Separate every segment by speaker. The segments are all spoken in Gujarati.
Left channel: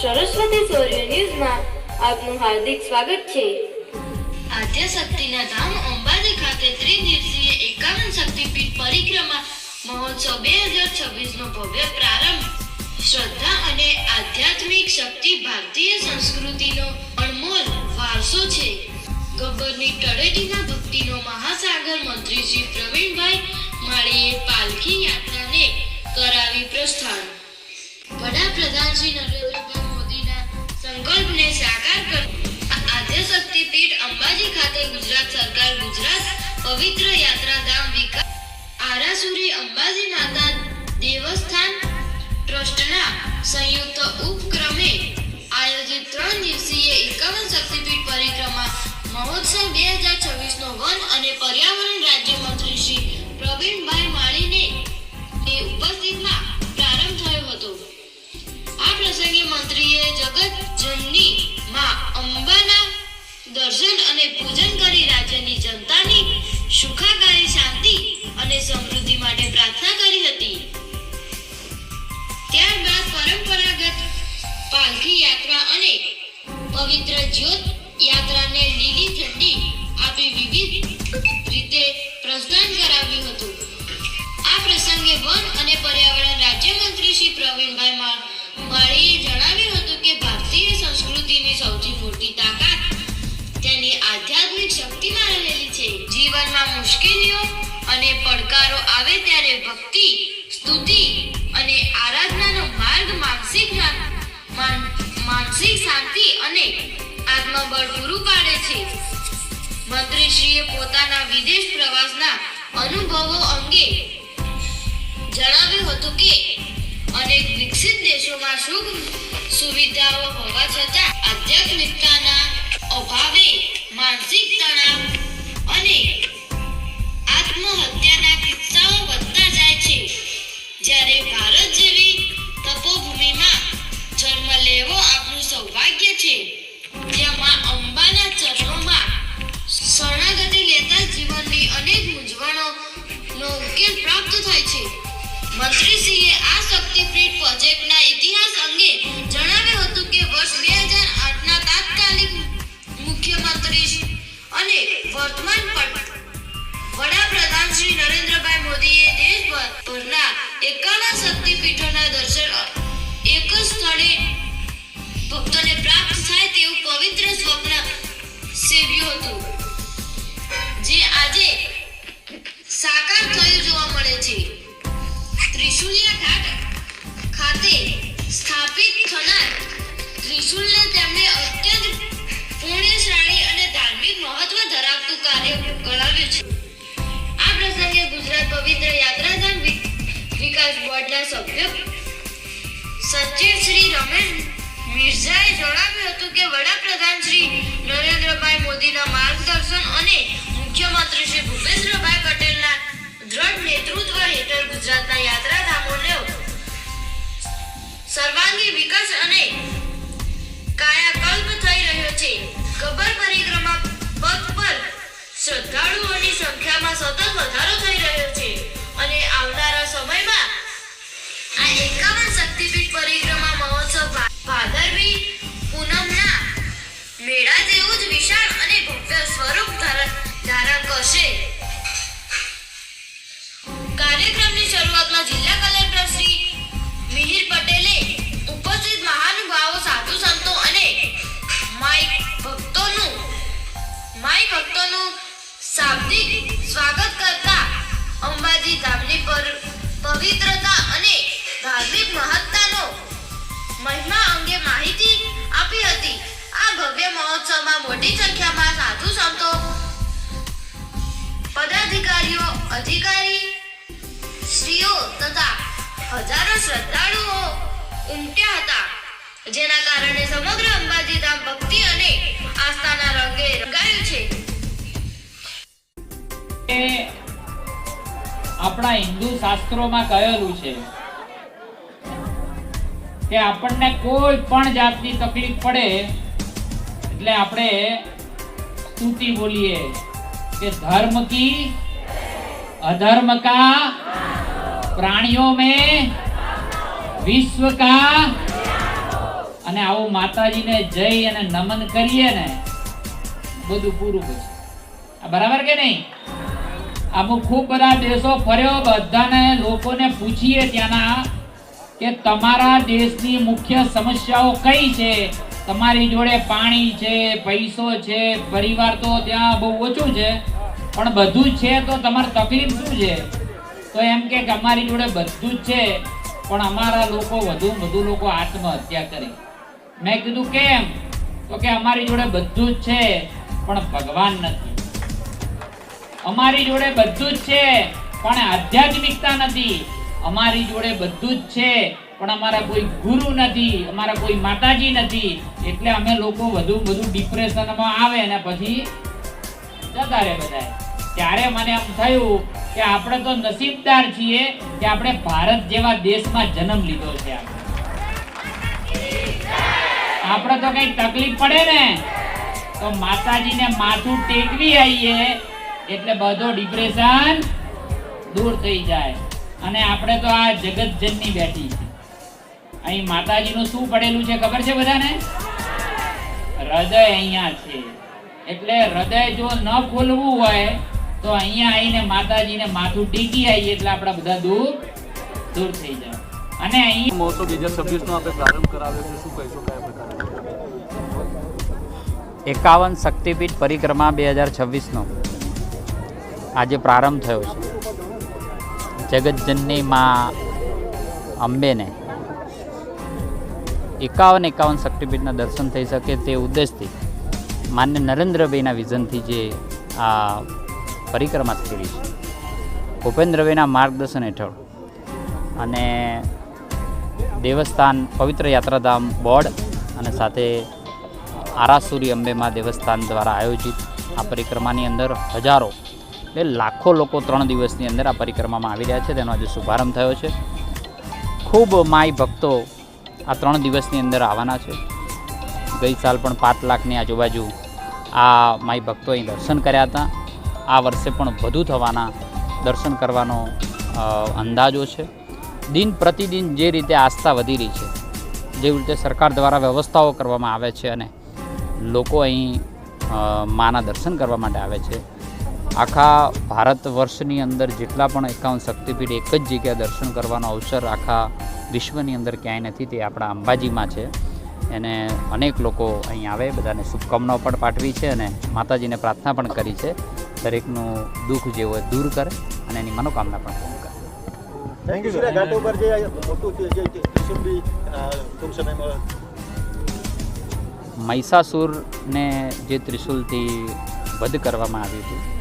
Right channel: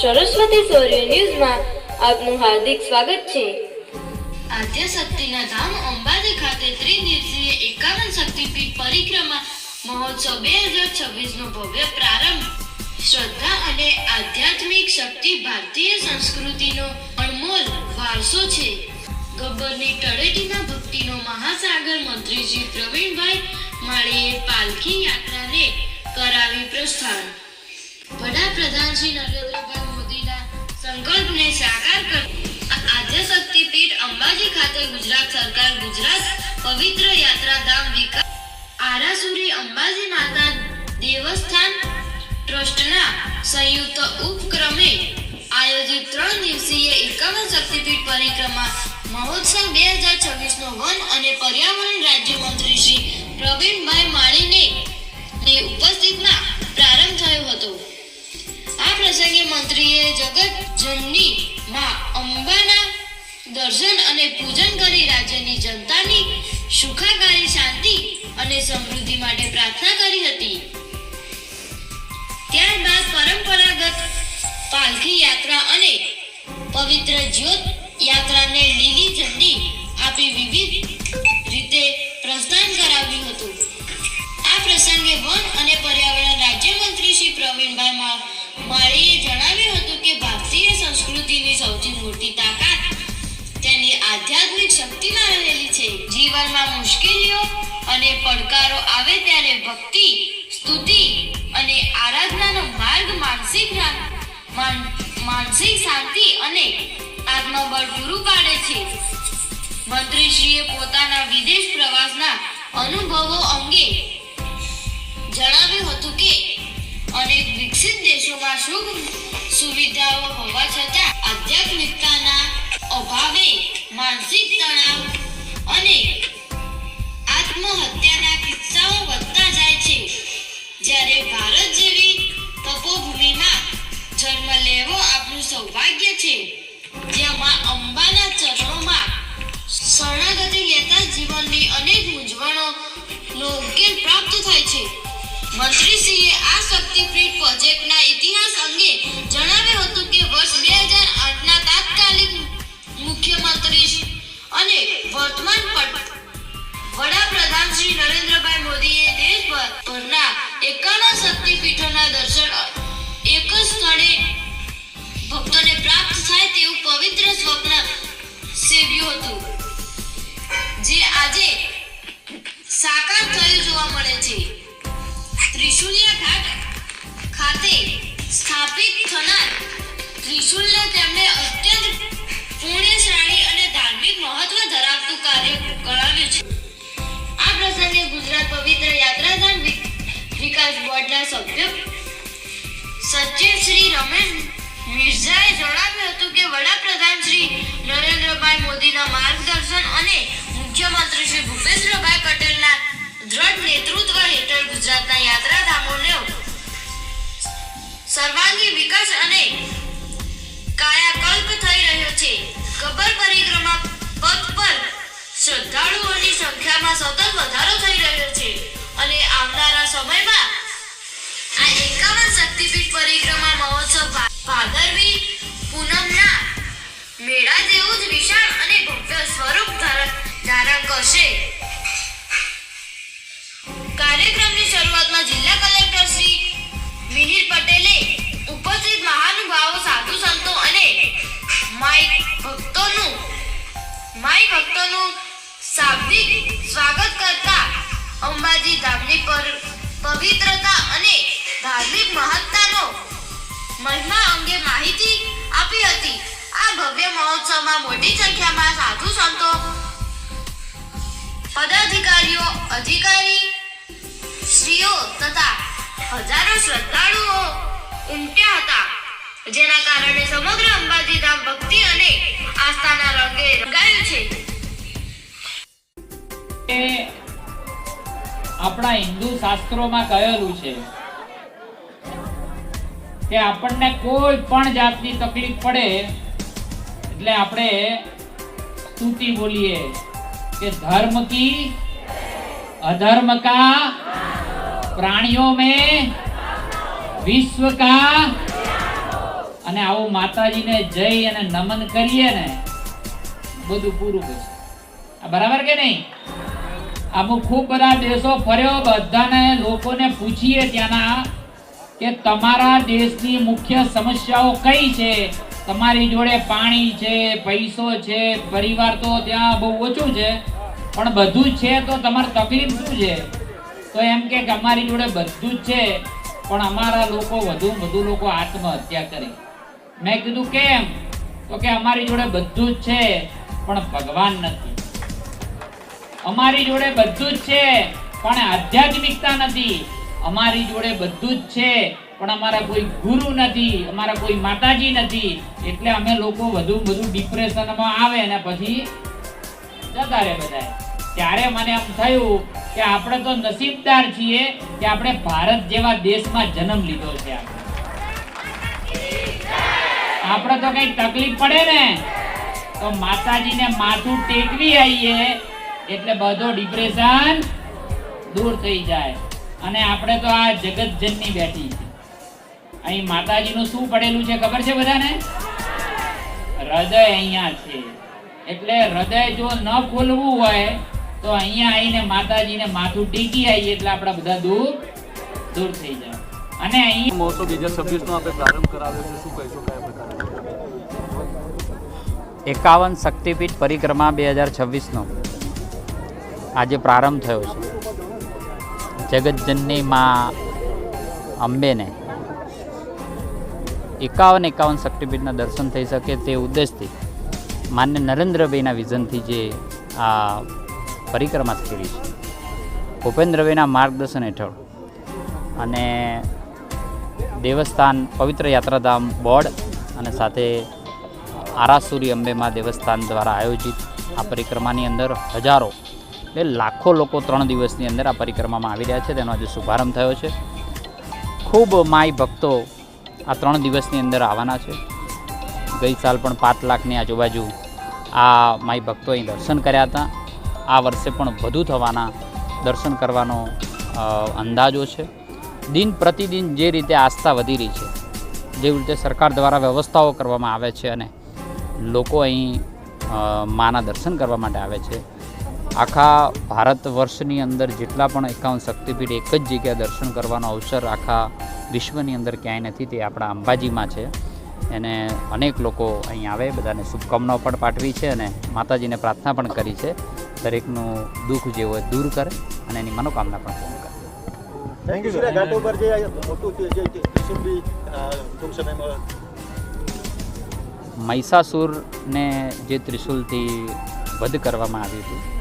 Speaker 1: સરસ્વતી સૌર્ય ન્યૂઝમાં આપનું હાર્દિક સ્વાગત છે.
Speaker 2: આદ્ય શક્તિના ધામ અંબાજી ખાતે ત્રિદિવસીય એકાવન શક્તિપીઠ પરિક્રમા મહોત્સવ બે હજાર છવ્વીસનો ભવ્ય પ્રારંભ. શ્રદ્ધા અને આધ્યાત્મિક શક્તિ ભારતીય સંસ્કૃતિનો અણમોલ વારસો છે. ગબ્બરની તળેટીના ભક્તિનો મહાસાગર મંત્રી શ્રી પ્રવીણભાઈ માળીએ પાલખી યાત્રાને કરાવી પ્રસ્થાન. વડાપ્રધાન શ્રી નરેન્દ્રભાઈ મોદીના સંકલ્પને સાકાર કર આદ્ય શક્તિપીઠ અંબાજી ખાતે ગુજરાત સરકાર ગુજરાત પવિત્ર યાત્રાધામ વિકાસ આરાસુરી અંબાજી માતા દેવસ્થાન ટ્રસ્ટના સંયુક્ત ઉપક્રમે આયોજિત ત્રણ દિવસીય એકાવન શક્તિપીઠ પરિક્રમા મહોત્સવ બે હજાર છવ્વીસનો વન દર્શન અને પૂજન કરી રાજ્યની જનતાની સુખાકારી, શાંતિ અને સમૃદ્ધિ માટે પ્રાર્થના કરી હતી. ત્યારબાદ પરંપરાગત પાલખી યાત્રા અને પવિત્ર જ્યોત યાત્રાને લીલી ઝંડી આપી વિવિધ રીતે પ્રસ્થાન કરાવ્યું હતું. આ પ્રસંગે વન જીવનમાં મુશ્કેલીઓ અને પડકારો આવે ત્યારે ભક્તિ, સ્તુતિ અને આરાધનાનો માર્ગ માનસિક માનસિક શાંતિ અને આત્મબળ પૂરું પાડે છે. મંત્રીશ્રીએ પોતાના વિદેશ પ્રવાસના અનુભવો અંગે જણાવ્યું હતું કે, અનેક વિકસિત દેશોમાં સુખ સુવિધાઓ હોવા છતાં આધ્યાત્મિકતાના અભાવે માનસિક તણાવ અને આત્મહત્યાના કિસ્સાઓ વધતા જાય છે. જ્યારે ભારત જેવી તપોભૂમિમાં જન્મ લેવો આપણું સૌભાગ્ય છે, જેમાં અંબાના ચરણોમાં શરણાગતિ લેતા જીવનની અનેક મૂંઝવણોનો ઉકેલ પ્રાપ્ત થાય છે. મંત્રીશ્રીએ આ શક્તિપીઠ પ્રોજેક્ટના ઇતિહાસ અંગે જણાવ્યું વર્તમાન વડાપ્રધાન શ્રી નરેન્દ્રભાઈ મોદીએ દેશભરના એકાવન શક્તિપીઠોના દર્શન એક જ સ્થળે ભક્તોને પ્રાપ્ત થાય તેવું પવિત્ર સ્વપ્ન સેવ્યું હતું. જે આજે વિકાસ સભ્યો સચિવ શ્રી રમેશ મિર્ઝાએ જણાવ્યું હતું કે વડાપ્રધાન શ્રી નરેન્દ્રભાઈ મોદીના માર્ગદર્શન અને મુખ્યમંત્રી શ્રી ભૂપેન્દ્રભાઈ પટેલના દ્રઢ નેતૃત્વ હેઠળ ગુજરાતના યાત્રાધામોને સર્વાંગી વિકાસ અને કાયાકલ્પ થઈ રહ્યો છે. કબર પરિક્રમા પથ પર શ્રદ્ધાળુઓની સંખ્યામાં સતત વધારો થઈ રહ્યો છે અને આવનારા સમયમાં ઉપસ્થિત મહાનુભાવો, સાધુ સંતો અને માઈ ભક્તોનું માઈ ભક્તોનું શાબ્દિક સ્વાગત કરતા અંબાજી ધામની પર પવિત્રતા અને ધાર્મિક મહત્તાનો મહિમા અંગે માહિતી આપી હતી. આ ભવ્ય મહોત્સવમાં મોટી સંખ્યામાં સાધુ સંતો, પદાધિકારીઓ, અધિકારી શ્રીઓ તથા હજારો શ્રદ્ધાળુઓ ઉમટ્યા હતા. જેના કારણે સમગ્ર અંબાજી ધામ ભક્તિ અને આસ્થાના રંગે રંગાયું છે.
Speaker 3: આપણા હિન્દુ શાસ્ત્રોમાં કહેલું છે કે આપણને કોઈ પણ જાતની તકલીફ પડે, એટલે આપણે સ્તુતિ બોલીએ કે ધર્મ કી અધર્મ કા પ્રાણીઓ મેં વિશ્વ કા. અને આવું માતાજીને જઈ અને નમન કરીએ ને, બધું પૂરું પછી આ બરાબર કે નહીં? આ હું ખૂબ બધા દેશો ફર્યો, બધાને લોકોને પૂછીએ ત્યાંના કે તમારા દેશની મુખ્ય સમસ્યાઓ કઈ છે? તમારી જોડે પાણી છે, પૈસો છે, પરિવાર તો ત્યાં બહુ ઓછું છે. પણ બધું છે તો તમારી તકલીફ શું છે? તો એમ કે અમારી જોડે બધું જ છે, પણ અમારા લોકો વધુ વધુ લોકો આત્મહત્યા કરી. મેં કીધું, કેમ? તો કે અમારી જોડે બધું જ છે, પણ ભગવાન નથી. અમારી જોડે બધું જ છે, પણ આધ્યાત્મિકતા નથી. અમારી જોડે બધું જ છે, પણ અમારા કોઈ ગુરુ નથી, અમારા કોઈ માતાજી નથી. એટલે અમે લોકો વધુ બધું ડિપ્રેશનમાં આવે ને પછી જતા રહે બધા ત્યારે મને એમ થયું કે આપણે તો નસીબદાર છીએ કે આપણે ભારત જેવા દેશમાં જન્મ લીધો છે આપણે. તો કઈ તકલીફ પડે ને? તો માતાજીને માથું ટેકવી આવીએ એટલે બધો ડિપ્રેશન દૂર થઈ જાય. અને આપણે તો આ જગતજનની બેઠી છે. અહીં માતાજીનું શું પડેલું છે ખબર છે બધાને? હૃદય અહીંયા છે. એટલે હૃદય જો ન ખોલવું હોય, તો અહીંયા આવીને માતાજીને માથું ટેકી આવીએ એટલે આપણા બધા દૂર દૂર થઈ જાય. અને અહીં
Speaker 4: મહોત્સવ બે હજાર છવ્વીસનો આપણે પ્રારંભ કરાવ્યો છે. શું કહીશું કયા પ્રકારે?
Speaker 5: એકાવન શક્તિપીઠ પરિક્રમા બે હજાર છવ્વીસનો આજે પ્રારંભ થયો છે. જગતજનની માં અંબેને એકાવન એકાવન શક્તિપીઠના દર્શન થઈ શકે તે ઉદ્દેશથી માન્ય નરેન્દ્રભાઈના વિઝનથી જે આ પરિક્રમા થઈ છે. ભૂપેન્દ્રભાઈના માર્ગદર્શન હેઠળ અને દેવસ્થાન પવિત્ર યાત્રાધામ બોર્ડ અને સાથે આરાસુરી અંબેમાં દેવસ્થાન દ્વારા આયોજિત આ પરિક્રમાની અંદર હજારો એટલે લાખો લોકો ત્રણ દિવસની અંદર આ પરિક્રમામાં આવી રહ્યા છે, તેનો આજે શુભારંભ થયો છે. ખૂબ માય ભક્તો આ ત્રણ દિવસની અંદર આવવાના છે. ગઈ સાલ પણ પાંચ લાખની આજુબાજુ આ માય ભક્તો અહીં દર્શન કર્યા હતા. આ વર્ષે પણ વધુ થવાના દર્શન કરવાનો અંદાજો છે. દિન પ્રતિદિન જે રીતે આસ્થા વધી રહી છે, જેવી રીતે સરકાર દ્વારા વ્યવસ્થાઓ કરવામાં આવે છે અને લોકો અહીં માના દર્શન કરવા માટે આવે છે આખા ભારત વર્ષની અંદર જેટલા પણ એકાવન શક્તિપીઠ એક જ જગ્યાએ દર્શન કરવાનો અવસર આખા વિશ્વની અંદર ક્યાંય નથી તે આપણા અંબાજીમાં છે. એને અનેક લોકો અહીં આવે બધાને શુભકામનાઓ પણ પાઠવી છે અને માતાજીને પ્રાર્થના પણ કરી છે. દરેકનું દુઃખ જે હોય દૂર કરે અને એની મનોકામના પણ પૂર્ણ કરે.
Speaker 6: થેન્ક યુ ઘાટ ઉપર જે મોટું ટૂંક સમયમાં
Speaker 5: મહિષાસુરને જે ત્રિશુલથી વધ કરવામાં આવ્યું હતું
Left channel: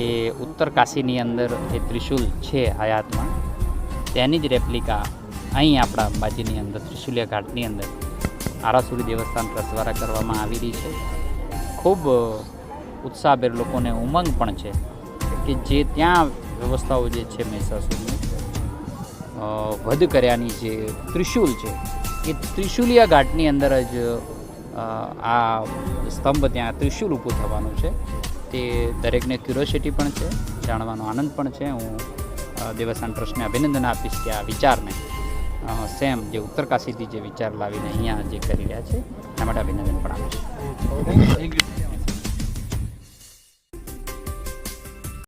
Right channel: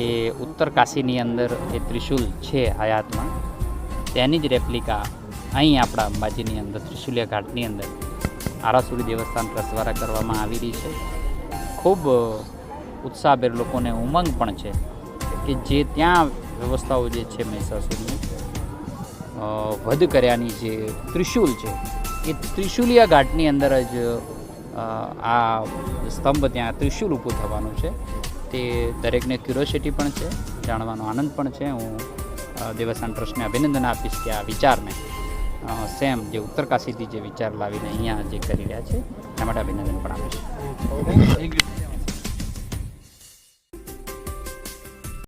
Speaker 5: એ ઉત્તર કાશીની અંદર એ ત્રિશુલ છે હયાતમાં તેની જ રેપ્લિકા અહીં આપણા અંબાજીની અંદર, ત્રિશુલિયા ઘાટની અંદર આરાસુરી દેવસ્થાન ટ્રસ્ટ દ્વારા કરવામાં આવી રહી છે. ખૂબ ઉત્સાહભેર લોકોને ઉમંગ પણ છે કે જે ત્યાં વ્યવસ્થાઓ જે છે મહિષાસુરની વધ કર્યાની જે ત્રિશુલ છે, એ ત્રિશુલિયા ઘાટની અંદર જ આ સ્તંભ ત્યાં ત્રિશુલ ઊભું થવાનું છે. તે દરેકને ક્યુરોસિટી પણ છે, જાણવાનો આનંદ પણ છે. હું દેવસ્થાન ટ્રસ્ટને અભિનંદન આપીશ કે આ વિચારને સેમ જે ઉત્તરકાશીથી જે વિચાર લાવીને અહીંયા જે કરી રહ્યા છે, એના માટે અભિનંદન પણ આપીશ.